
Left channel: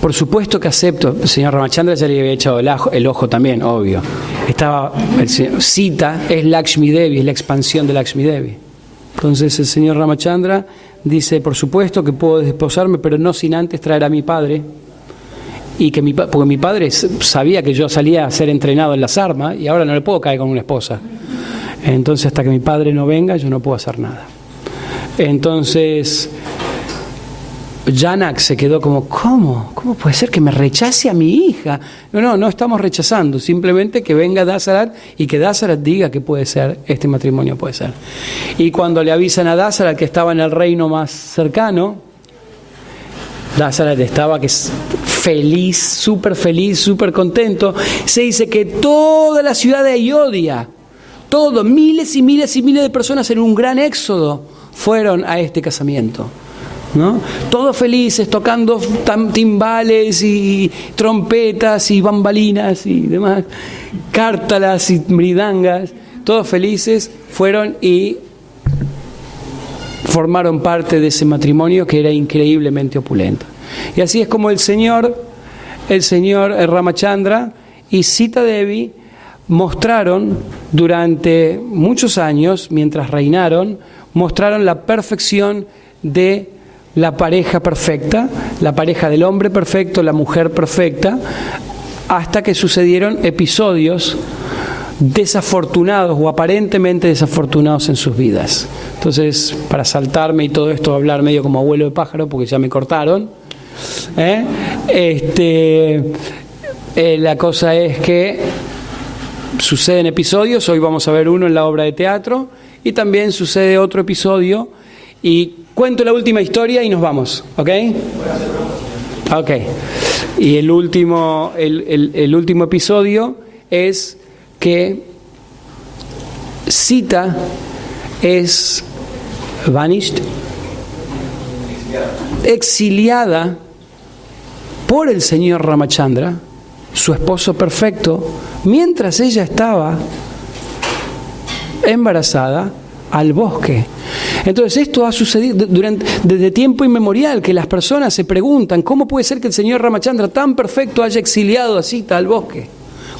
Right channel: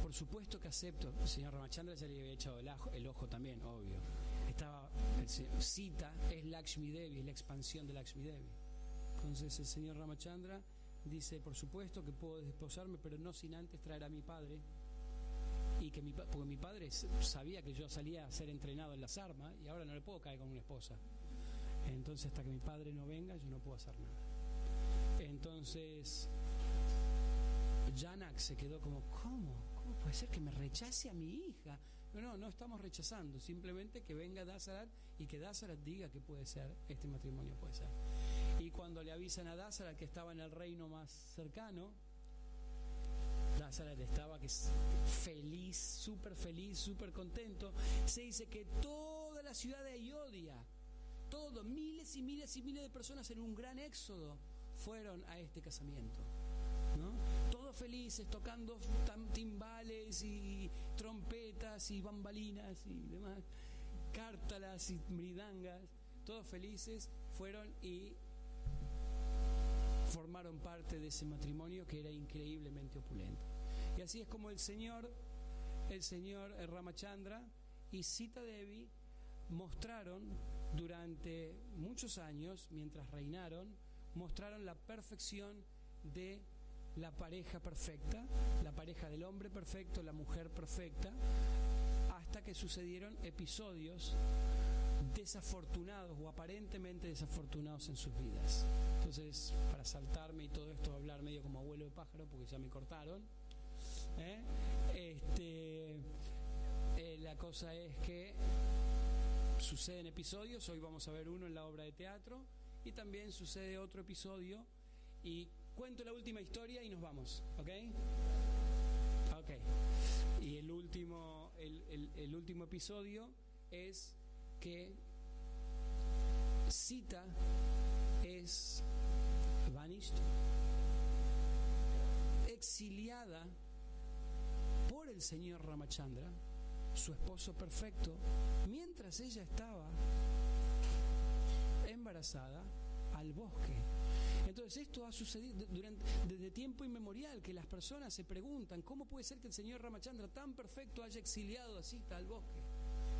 por supuesto que acepto. El señor Ramachandra ya le había echado el ojo también, obvio. Estaba, el señor Sita es Lakshmi Devi, es la expansión de Lakshmi Devi. Entonces el señor Ramachandra dice, por supuesto que puedo desposarme, pero no sin antes traer a mi padre. Y que porque mi padre sabía que yo salía a ser entrenado en las armas y ahora no le puedo caer con una esposa. Entonces hasta que mi padre no venga yo no puedo hacer nada. Entonces Janak se quedó como, ¿cómo? ¿Cómo puede ser que me rechace a mi hija? No estamos rechazando, simplemente que venga Dasarat y que Dasarat diga que puede ser, este matrimonio puede ser. Y cuando le avisan a Dasarat que estaba en el reino más cercano, Dasarat estaba que es feliz, súper contento. Se dice que toda la ciudad de Ayodhya, miles y miles y miles de personas en un gran éxodo fueron a este casamiento, ¿no? Todos felices, tocando timbales y trompetas y bambalinas y demás, cártalas y mridangas, todos felices fueron y formaron parte de ese matrimonio que era increíblemente opulento. Y así es como el señor Ramachandra y Sita Devi mostraron durante muchos años, mientras reinaron, mostraron la perfección de la pareja perfecta, la pareja del hombre perfecto, la mujer perfecta, hasta que sucedieron episodios desafortunados o aparentemente desafortunados en sus vidas. Entonces, para saltarme y todo esto, hablar medio como abuelo de pájaro, porque ya me cortaron, la cosa es que suceden episodios, hoy vamos a ver uno en la obra de teatro, y también sucede otro episodio, y cuento la última historia y nos vamos, ¿ok? Ok. Y el último episodio es que Sita es vanished, exiliada por el señor Ramachandra, su esposo perfecto, mientras ella estaba embarazada, al bosque. Entonces esto ha sucedido desde tiempo inmemorial, que las personas se preguntan cómo puede ser que el señor Ramachandra tan perfecto haya exiliado a Sita al bosque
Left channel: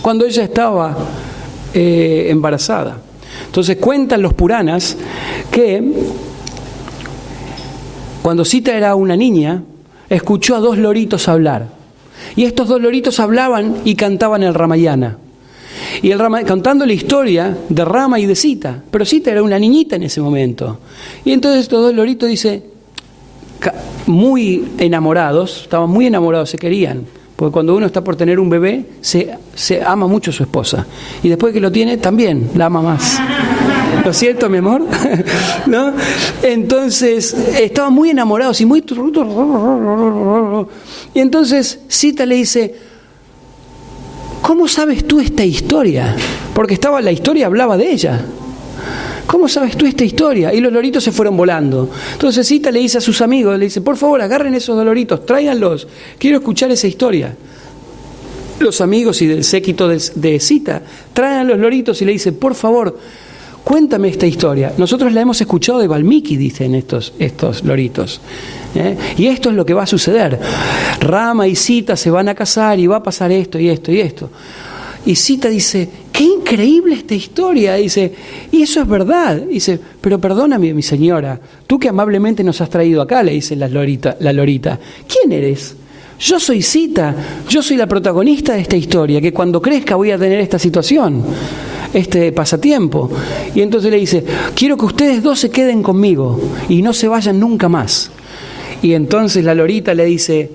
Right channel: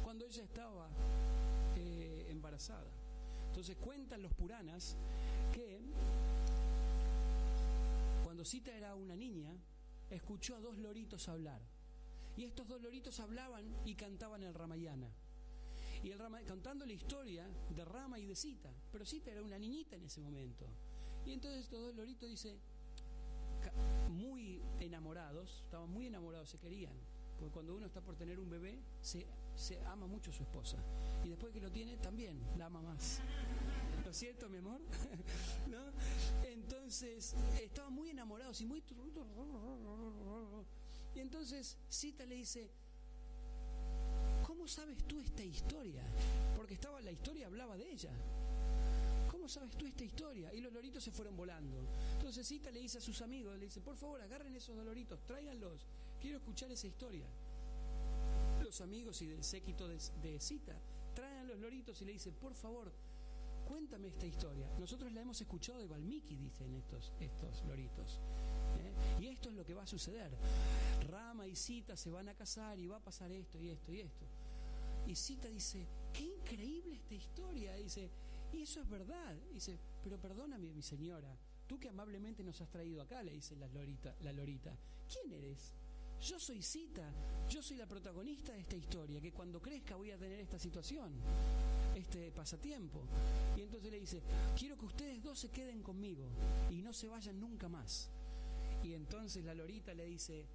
cuando ella estaba embarazada. Entonces cuentan los Puranas que cuando Sita era una niña, escuchó a dos loritos hablar. Y estos dos loritos hablaban y cantaban el Ramayana. Y contando la historia de Rama y de Sita. Pero Sita era una niñita en ese momento. Y entonces estos dos loritos, dice, muy enamorados, estaban muy enamorados, se querían. Porque cuando uno está por tener un bebé, se ama mucho a su esposa. Y después que lo tiene, también la ama más. ¿Lo siento, mi amor? ¿No? Entonces, estaban muy enamorados y muy... Y entonces Sita le dice, ¿cómo sabes tú esta historia? Porque la historia hablaba de ella. ¿Cómo sabes tú esta historia? Y los loritos se fueron volando. Entonces Sita le dice a sus amigos, le dice, por favor, agarren esos dos loritos, tráiganlos, quiero escuchar esa historia. Los amigos y del séquito de Sita traen a los loritos y le dicen, por favor, cuéntame esta historia. Nosotros la hemos escuchado de Valmiki, dicen estos loritos. Y esto es lo que va a suceder. Rama y Sita se van a casar y va a pasar esto y esto y esto. Y Sita dice, qué increíble esta historia. Dice, y eso es verdad. Dice, pero perdóname, mi señora, tú que amablemente nos has traído acá, le dice la lorita. ¿Quién eres? Yo soy Sita, yo soy la protagonista de esta historia, que cuando crezca voy a tener esta situación, este pasatiempo. Y entonces le dice, quiero que ustedes dos se queden conmigo y no se vayan nunca más. Y entonces la lorita le dice,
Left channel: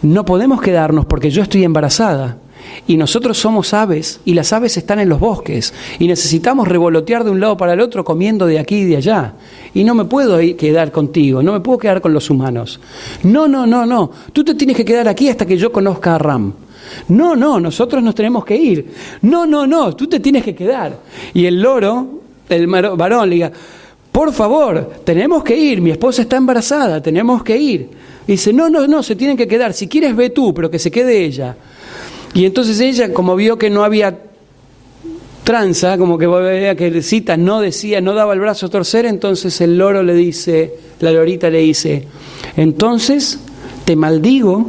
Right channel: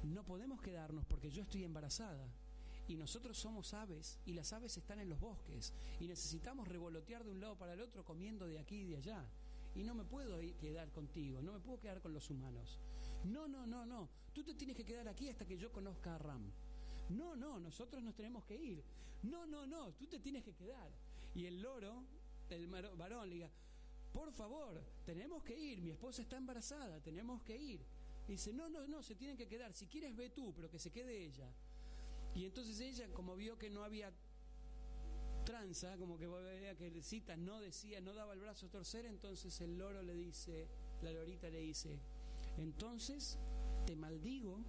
no podemos quedarnos porque yo estoy embarazada. Y nosotros somos aves y las aves están en los bosques y necesitamos revolotear de un lado para el otro comiendo de aquí y de allá. Y no me puedo quedar contigo, no me puedo quedar con los humanos. No, tú te tienes que quedar aquí hasta que yo conozca a Ram. No, nosotros nos tenemos que ir. No, tú te tienes que quedar. Y el loro, el varón, le diga, por favor, tenemos que ir, mi esposa está embarazada, tenemos que ir. Y dice, no, se tienen que quedar, si quieres ve tú, pero que se quede ella. Y entonces ella, como vio que no había tranza, como que veía que Sita no daba el brazo a torcer, entonces el loro le dice, la lorita le dice, entonces te maldigo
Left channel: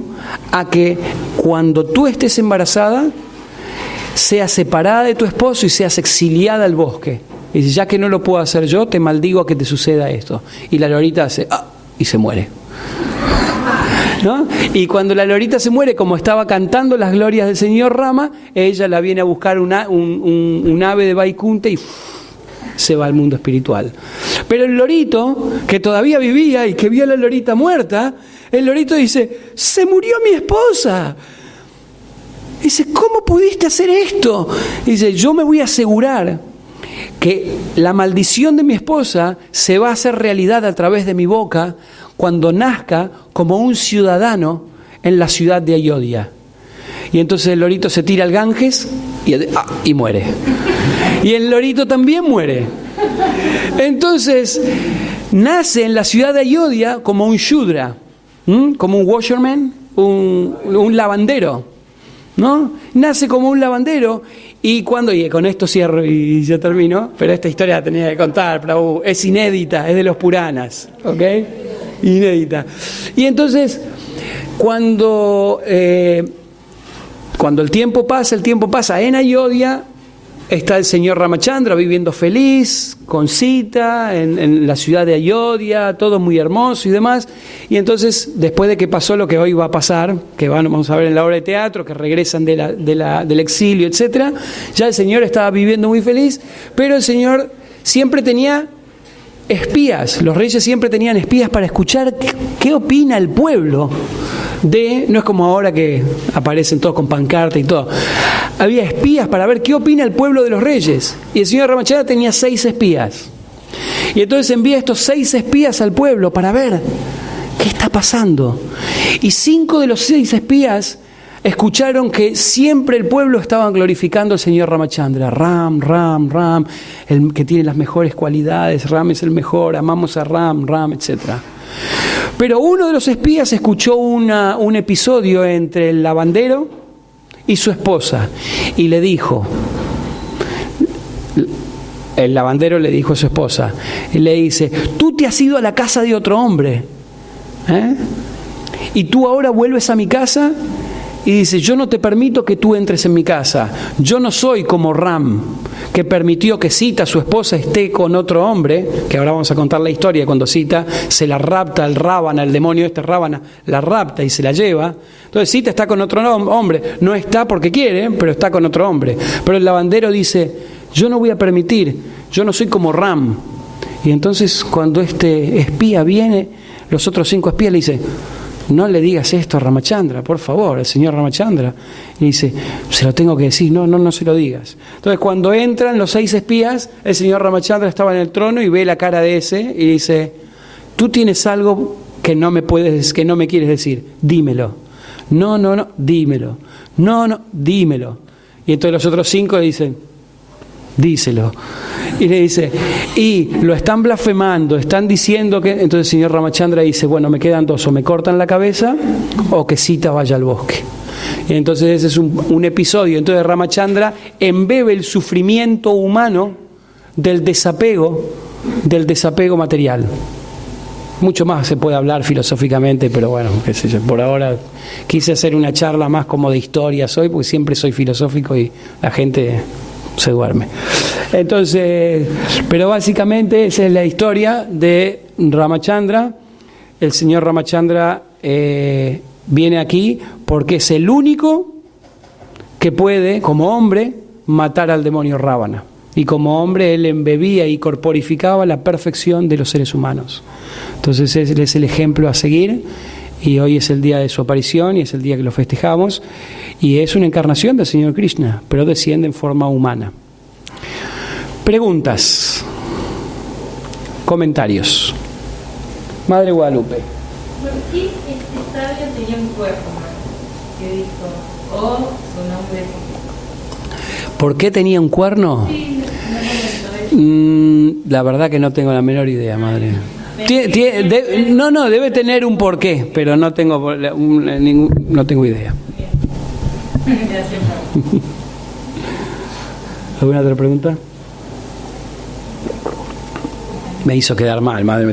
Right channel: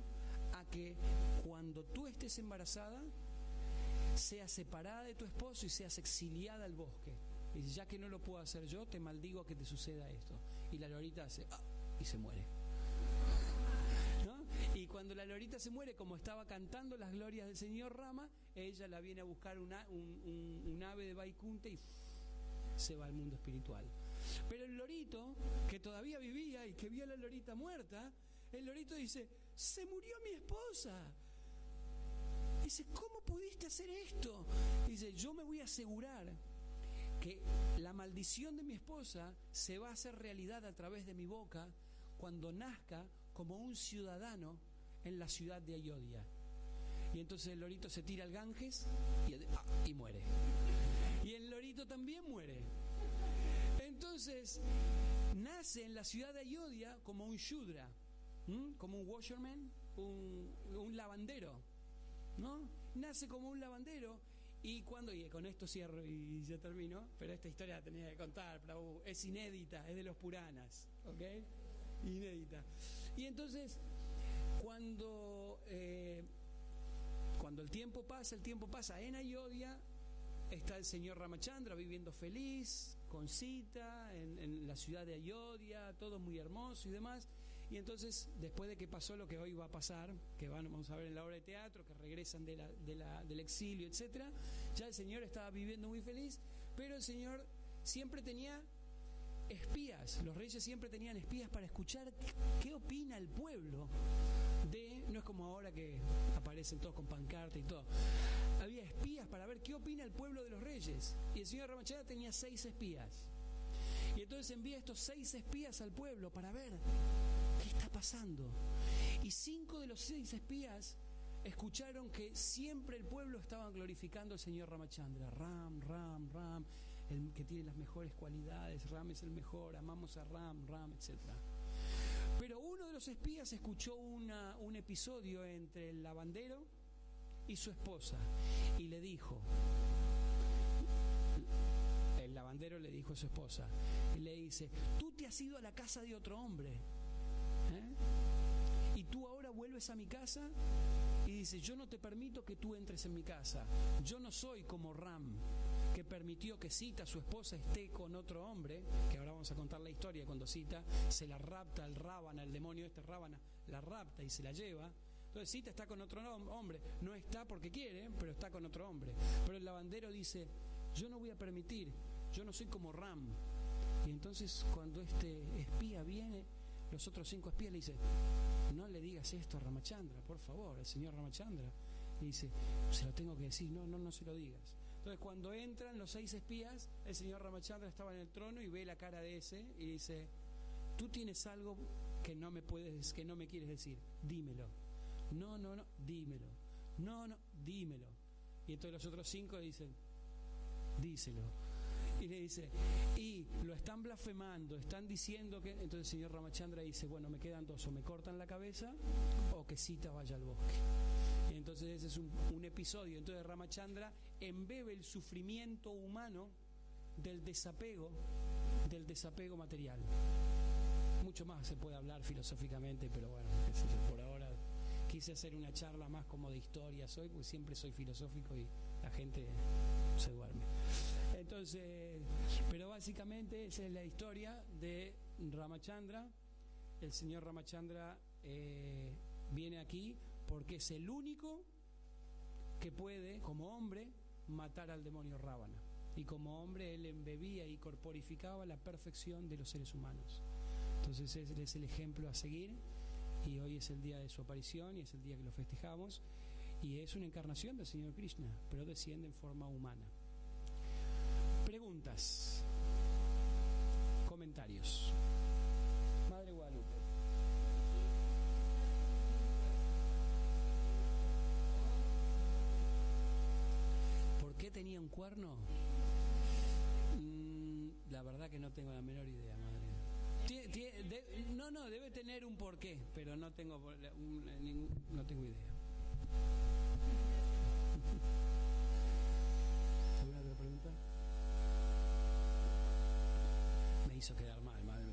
a que cuando tú estés embarazada, seas separada de tu esposo y seas exiliada al bosque. Y dice, ya que no lo puedo hacer yo, te maldigo a que te suceda esto. Y la lorita hace, y se muere. ¿No? Y cuando la lorita se muere, como estaba cantando las glorias del señor Rama, ella la viene a buscar un ave de Vaikunta y se va al mundo espiritual. Pero el lorito, que todavía vivía y que vio a la lorita muerta, el lorito dice, se murió mi esposa. Dice, ¿cómo pudiste hacer esto? Dice, yo me voy a asegurar que la maldición de mi esposa se va a hacer realidad a través de mi boca cuando nazca como un ciudadano en la ciudad de Ayodhya. Y entonces el lorito se tira al Ganges y muere. Y el lorito también muere. Entonces nace en la ciudad de Ayodhya como un shudra, como un washerman, un lavandero, ¿no? Nace como un lavandero. Y con esto cierro y ya termino, pero esta historia la tenía que contar, Prabhu. Es inédita, es de los Puranas, ¿ok? Inédita. Y entonces, cuando el tiempo pasa, en Ayodhya está el señor Ramachandra viviendo feliz, con Sita, en la ciudad de Ayodhya, todo muy hermoso y demás. Y entonces, después de que pasó lo que hoy va a pasar, que vamos a ver en la obra de teatro, que regresan del exilio, etc., ya el señor estaba viviendo muy feliz, pero el señor siempre tenía espías, los reyes siempre tenían espías para escuchar qué opina el pueblo no es como ahora que aparecen todos con pancarta y todo. Había espías para ver qué opina el pueblo de los reyes. Y el señor Ramachandra tenía 6 espías. Y entonces envía estos 6 espías al pueblo para ver qué está pasando. Y 5 de los 6 espías escucharon que siempre el pueblo estaba glorificando al señor Ramachandra. Ram, el que tiene las mejores cualidades, Ram es el mejor, amamos a Ram, etc. Pero uno de los espías escuchó un episodio entre el lavandero y su esposa y le dijo, el lavandero le dijo a su esposa, y le dice, tú te has ido a la casa de otro hombre, y tú ahora vuelves a mi casa y dice, yo no te permito que tú entres en mi casa. Yo no soy como Ram, que permitió que Sita, su esposa, esté con otro hombre, que ahora vamos a contar la historia, cuando Sita se la rapta el Rábana, el demonio Rábana, la rapta y se la lleva. Entonces Sita está con otro hombre, no está porque quiere, pero está con otro hombre. Pero el lavandero dice, yo no voy a permitir, yo no soy como Ram. Y entonces cuando este espía viene, los otros 5 espías le dicen, no le digas esto a Ramachandra, por favor, al señor Ramachandra. Y dice, se lo tengo que decir, no se lo digas. Entonces cuando entran los 6 espías, el señor Ramachandra estaba en el trono y ve la cara de ese y dice, tú tienes algo que no me quieres decir, dímelo. No, dímelo. No, dímelo. Y entonces los otros 5 le dicen, díselo. Y le dice, y lo están blasfemando, están diciendo que... Entonces el señor Ramachandra dice, bueno, me quedan 2, o me cortan la cabeza o que Sita vaya al bosque. Y entonces ese es un episodio. Entonces Ramachandra embebe el sufrimiento humano del desapego material. Mucho más se puede hablar filosóficamente, pero bueno, qué sé yo, por ahora quise hacer una charla más como de historias hoy, porque siempre soy filosófico y la gente se duerme. Entonces, pero básicamente esa es la historia de Ramachandra. El señor Ramachandra viene aquí porque es el único que puede, como hombre, matar al demonio Rábana. Y como hombre él embebía y corporificaba la perfección de los seres humanos. Entonces él es el ejemplo a seguir, y hoy es el día de su aparición y es el día que lo festejamos, y es una encarnación del Señor Krishna, pero desciende en forma humana. Preguntas, comentarios. Madre Guadalupe. ¿Por qué este sabio tenía un cuerpo? ¿Qué dijo? ¿O su nombre? ¿Por qué tenía un cuerno? Sí, no. La verdad que no tengo la menor idea, madre. Debe tener un porqué, pero no tengo idea. Gracias. ¿Alguna otra pregunta? Me hizo quedar mal, madre.